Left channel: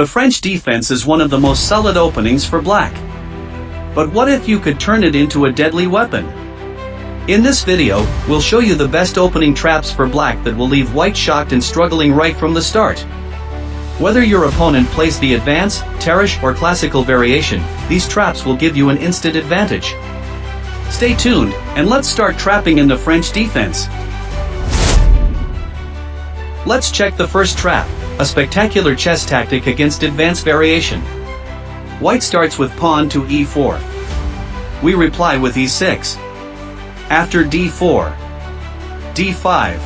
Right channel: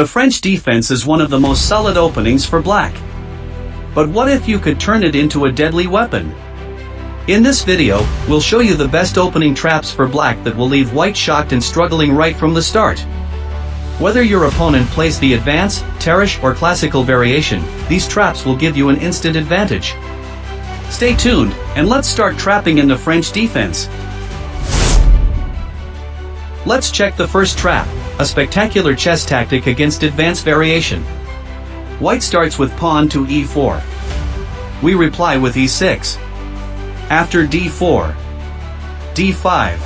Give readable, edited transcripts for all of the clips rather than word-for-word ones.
The French defense is one of the most solid openings for black. But what if you could turn it into a deadly weapon? In this video, we'll show you the best opening traps for black that will leave white shocked and struggling right from the start. Whether your opponent plays the advance, Tarrasch, or classical variation, these traps will give you an instant advantage. Stay tuned, and let's start trapping in the French defense. Let's check the first trap, a spectacular chess tactic against advance variation. White starts with pawn to e4. We reply with e6. After d4, d5.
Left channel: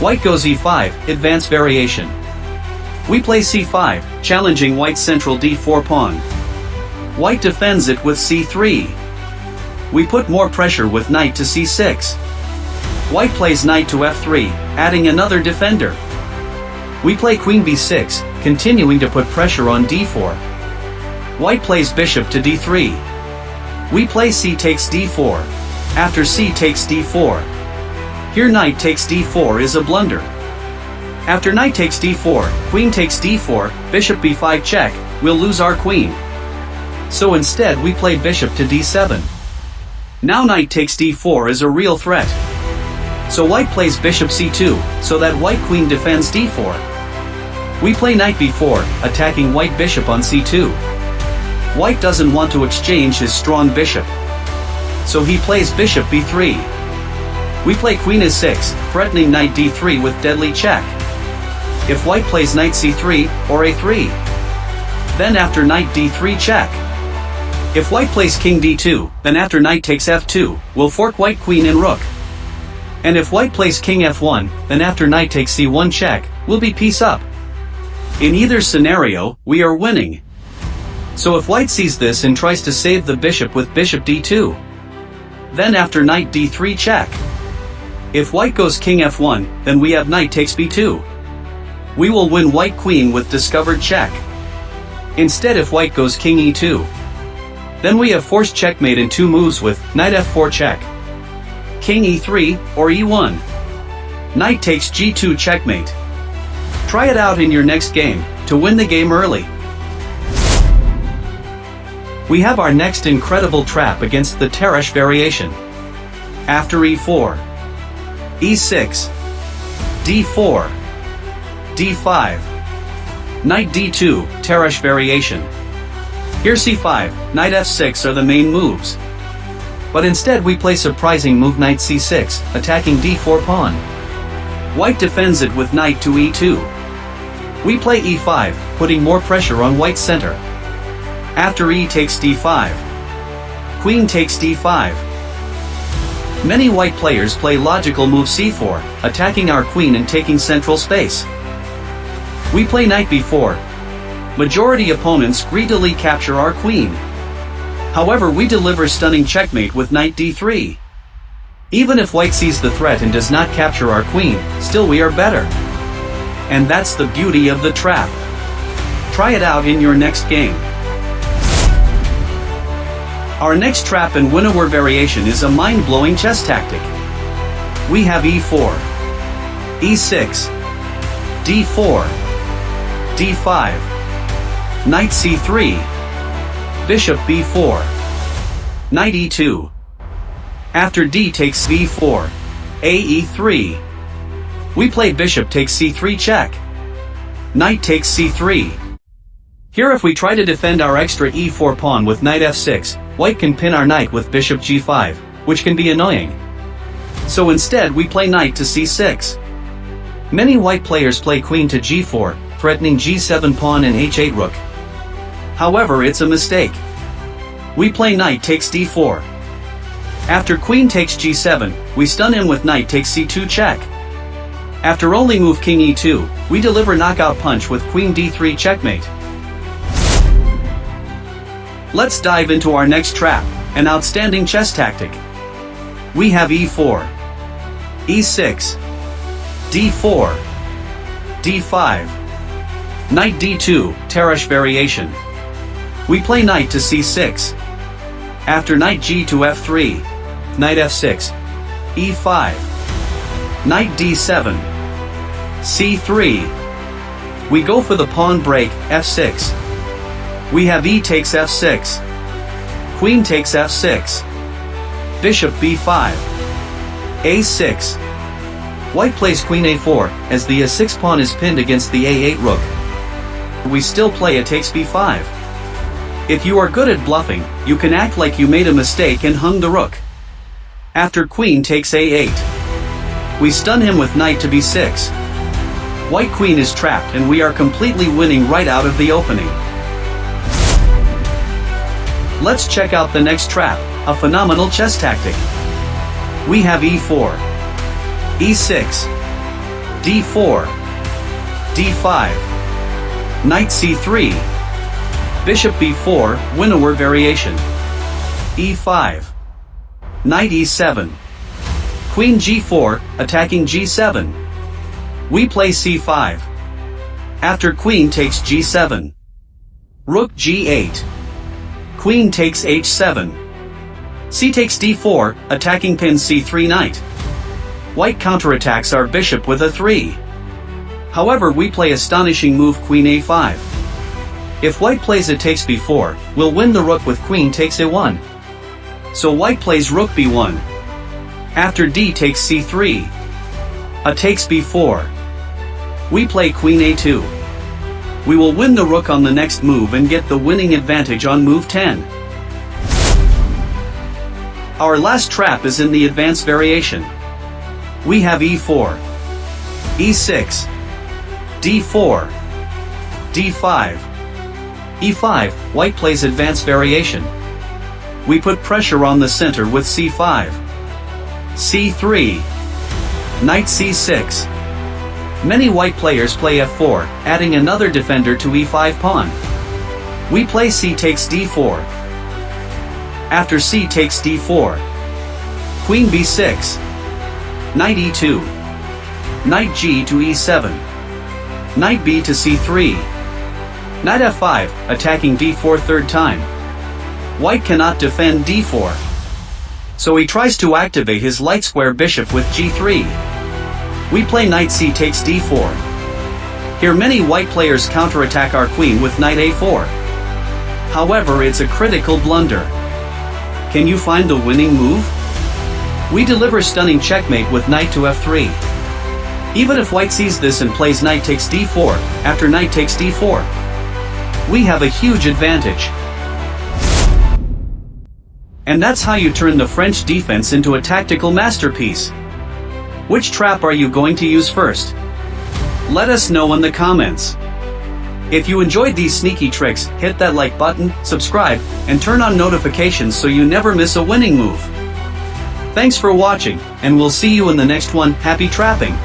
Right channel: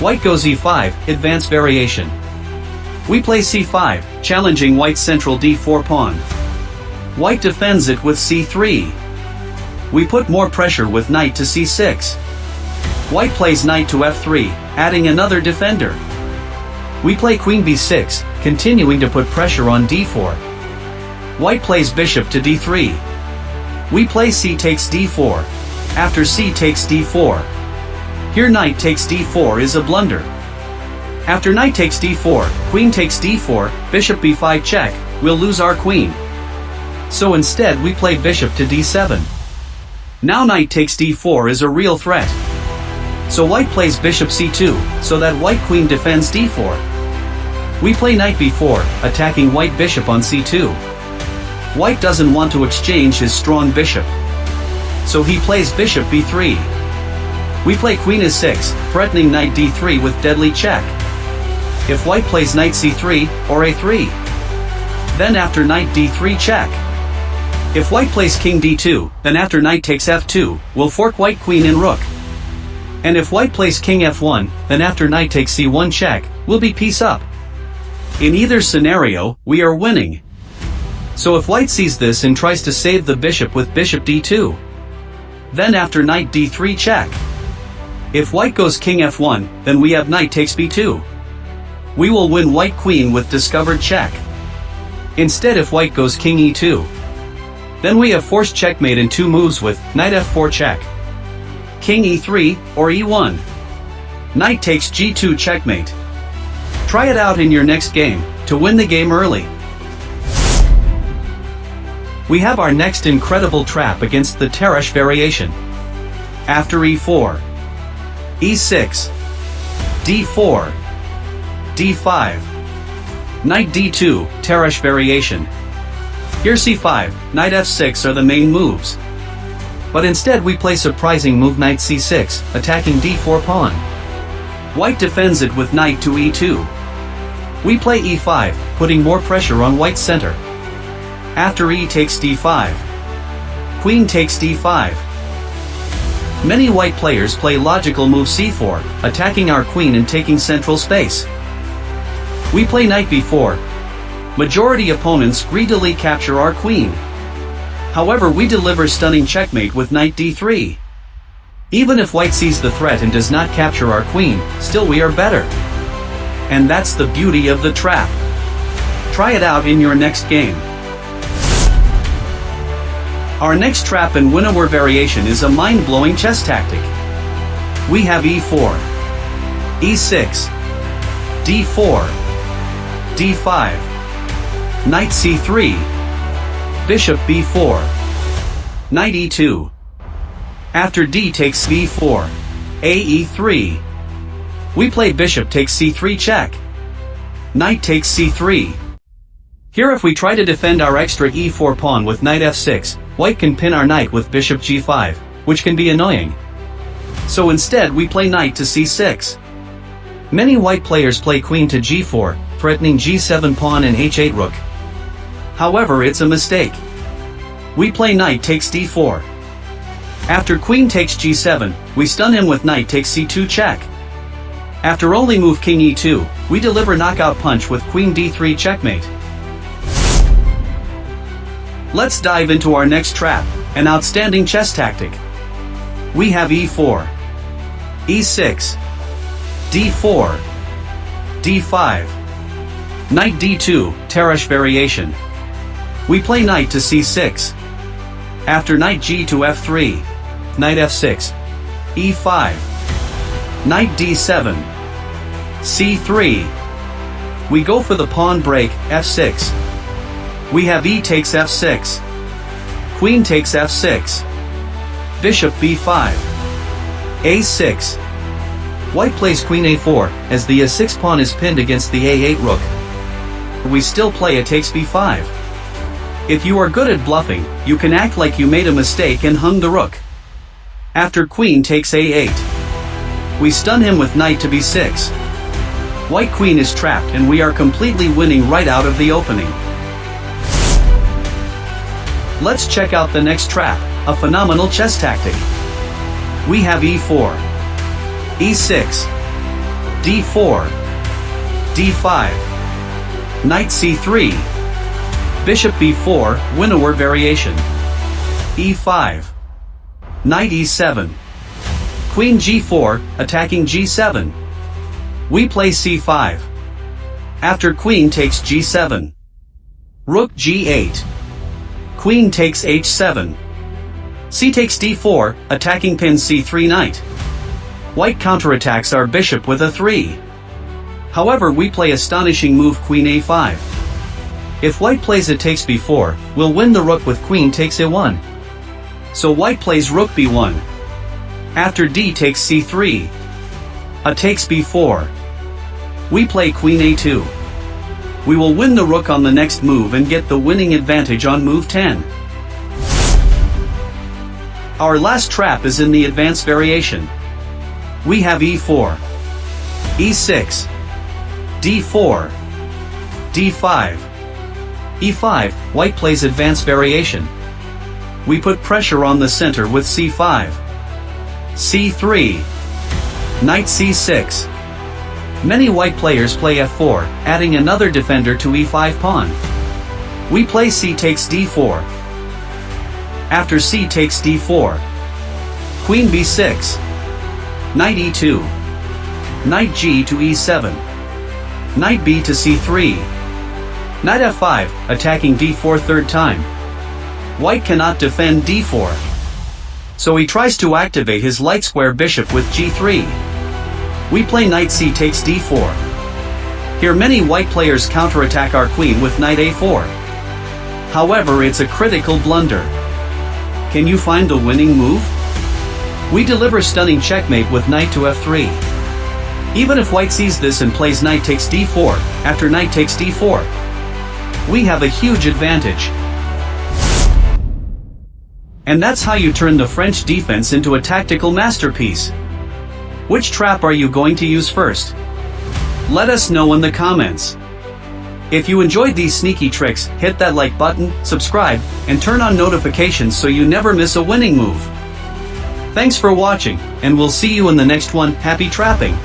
White goes e5, advance variation. We play c5, challenging white's central d4 pawn. White defends it with c3. We put more pressure with knight to c6. White plays knight to f3, adding another defender. We play queen b6, continuing to put pressure on d4. White plays bishop to d3. We play c takes d4. After c takes d4. Here knight takes d4 is a blunder. After knight takes d4, queen takes d4, bishop b5 check, we'll lose our queen. So instead we play bishop to d7. Now knight takes d4 is a real threat. So white plays bishop c2, so that white queen defends d4. We play knight b4, attacking white bishop on c2. White doesn't want to exchange his strong bishop. So he plays bishop b3. We play queen e6, threatening knight d3 with deadly check. If white plays knight c3, or a3. Then after knight d3 check. If white plays king d2, then after knight takes f2, we'll fork white queen and rook. And if white plays king f1, then after knight takes c1 check, we'll be piece up. In either scenario, we are winning. So if white sees this and tries to save the bishop with bishop d2. Then after knight d3 check. If white goes king f1, then we have knight takes b2. We will win white queen with discovered check. Instead if white goes king e2. Then we have forced checkmate in two moves with knight f4 check. King e3, or e1. Knight takes g2 checkmate. Try it out in your next game, to win the game early. We have our next incredible trap against the Tarrasch variation. After e4, e6, d4, d5, knight d2, Tarrasch variation. Here c5, knight f6 are the main moves. But instead we play surprising move knight c6, attacking d4 pawn. White defends it with knight to e2. We play e5, putting more pressure on white's center. After e takes d5. Queen takes d5. Many white players play logical move c4, attacking our queen and taking central space. We play knight b4. Majority opponents greedily capture our queen. However, we deliver stunning checkmate with knight d3. Even if white sees the threat and does not capture our queen, still we are better. And that's the beauty of the trap. Try it out in your next game. Our next trap in Winawer Variation is a mind-blowing chess tactic. We have e4, e6, d4, d5, knight c3, bishop b4, knight e2. After d takes b4, ae3. We play bishop takes c3 check. Knight takes c3. Here if we try to defend our extra e4 pawn with knight f6, white can pin our knight with bishop g5, which can be annoying. So instead we play knight to c6. Many white players play queen to g4, threatening g7 pawn and h8 rook. However, it's a mistake. We play knight takes d4. After queen takes g7, we stun him with knight takes c2 check. After only move king e2, we deliver knockout punch with queen d3 checkmate. Let's dive into our next trap, an outstanding chess tactic. We have e4, e6, d4, d5, knight d2, Tarrasch Variation. We play knight to c6. After knight g to f3, knight f6, e5, knight d7, c3, We go for the pawn break, f6. We have e takes f6. Queen takes f6. Bishop b5. a6. White plays queen a4, as the a6 pawn is pinned against the a8 rook. We still play a takes b5. If you are good at bluffing, you can act like you made a mistake and hung the rook. After queen takes a8. We stun him with knight to b6. White queen is trapped and we are completely winning right out of the opening. Let's check out the next trap, a phenomenal chess tactic. We have e4, e6, d4, d5, knight c3, bishop b4, Winawer Variation, e5, knight e7, queen g4, attacking g7. We play c5. After queen takes g7. Rook g8. Queen takes h7. C takes d4, attacking pin c3 knight. White counterattacks our bishop with a 3. However, we play astonishing move queen a5. If white plays a takes b4, we'll win the rook with queen takes a1. So white plays rook b1. After d takes c3. A takes b4. We play queen a2. We will win the rook on the next move and get the winning advantage on move 10. Our last trap is in the advanced variation. We have e4, e6, d4, d5, e5. White plays advanced variation. We put pressure on the center with c5, c3, knight c6. Many white players play f4, adding another defender to e5 pawn. We play c takes d4. After c takes d4. Queen b6. Knight e2. Knight g to e7. Knight b to c3. Knight f5, attacking d4 third time. White cannot defend d4. So he tries to activate his light square bishop with g3. We play knight c takes d4. Here many white players counterattack our queen with knight a4. However, it's a critical blunder. Can you find the winning move? We deliver stunning checkmate with knight to f3. Even if white sees this and plays knight takes d4, after knight takes d4, we have a huge advantage. And that's how you turn the French defense into a tactical masterpiece. Which trap are you going to use first? Let us know in the comments. If you enjoyed these sneaky tricks, hit that like button, subscribe, and turn on notifications so you never miss a winning move. Thanks for watching, and we'll see you in the next one. Happy trapping!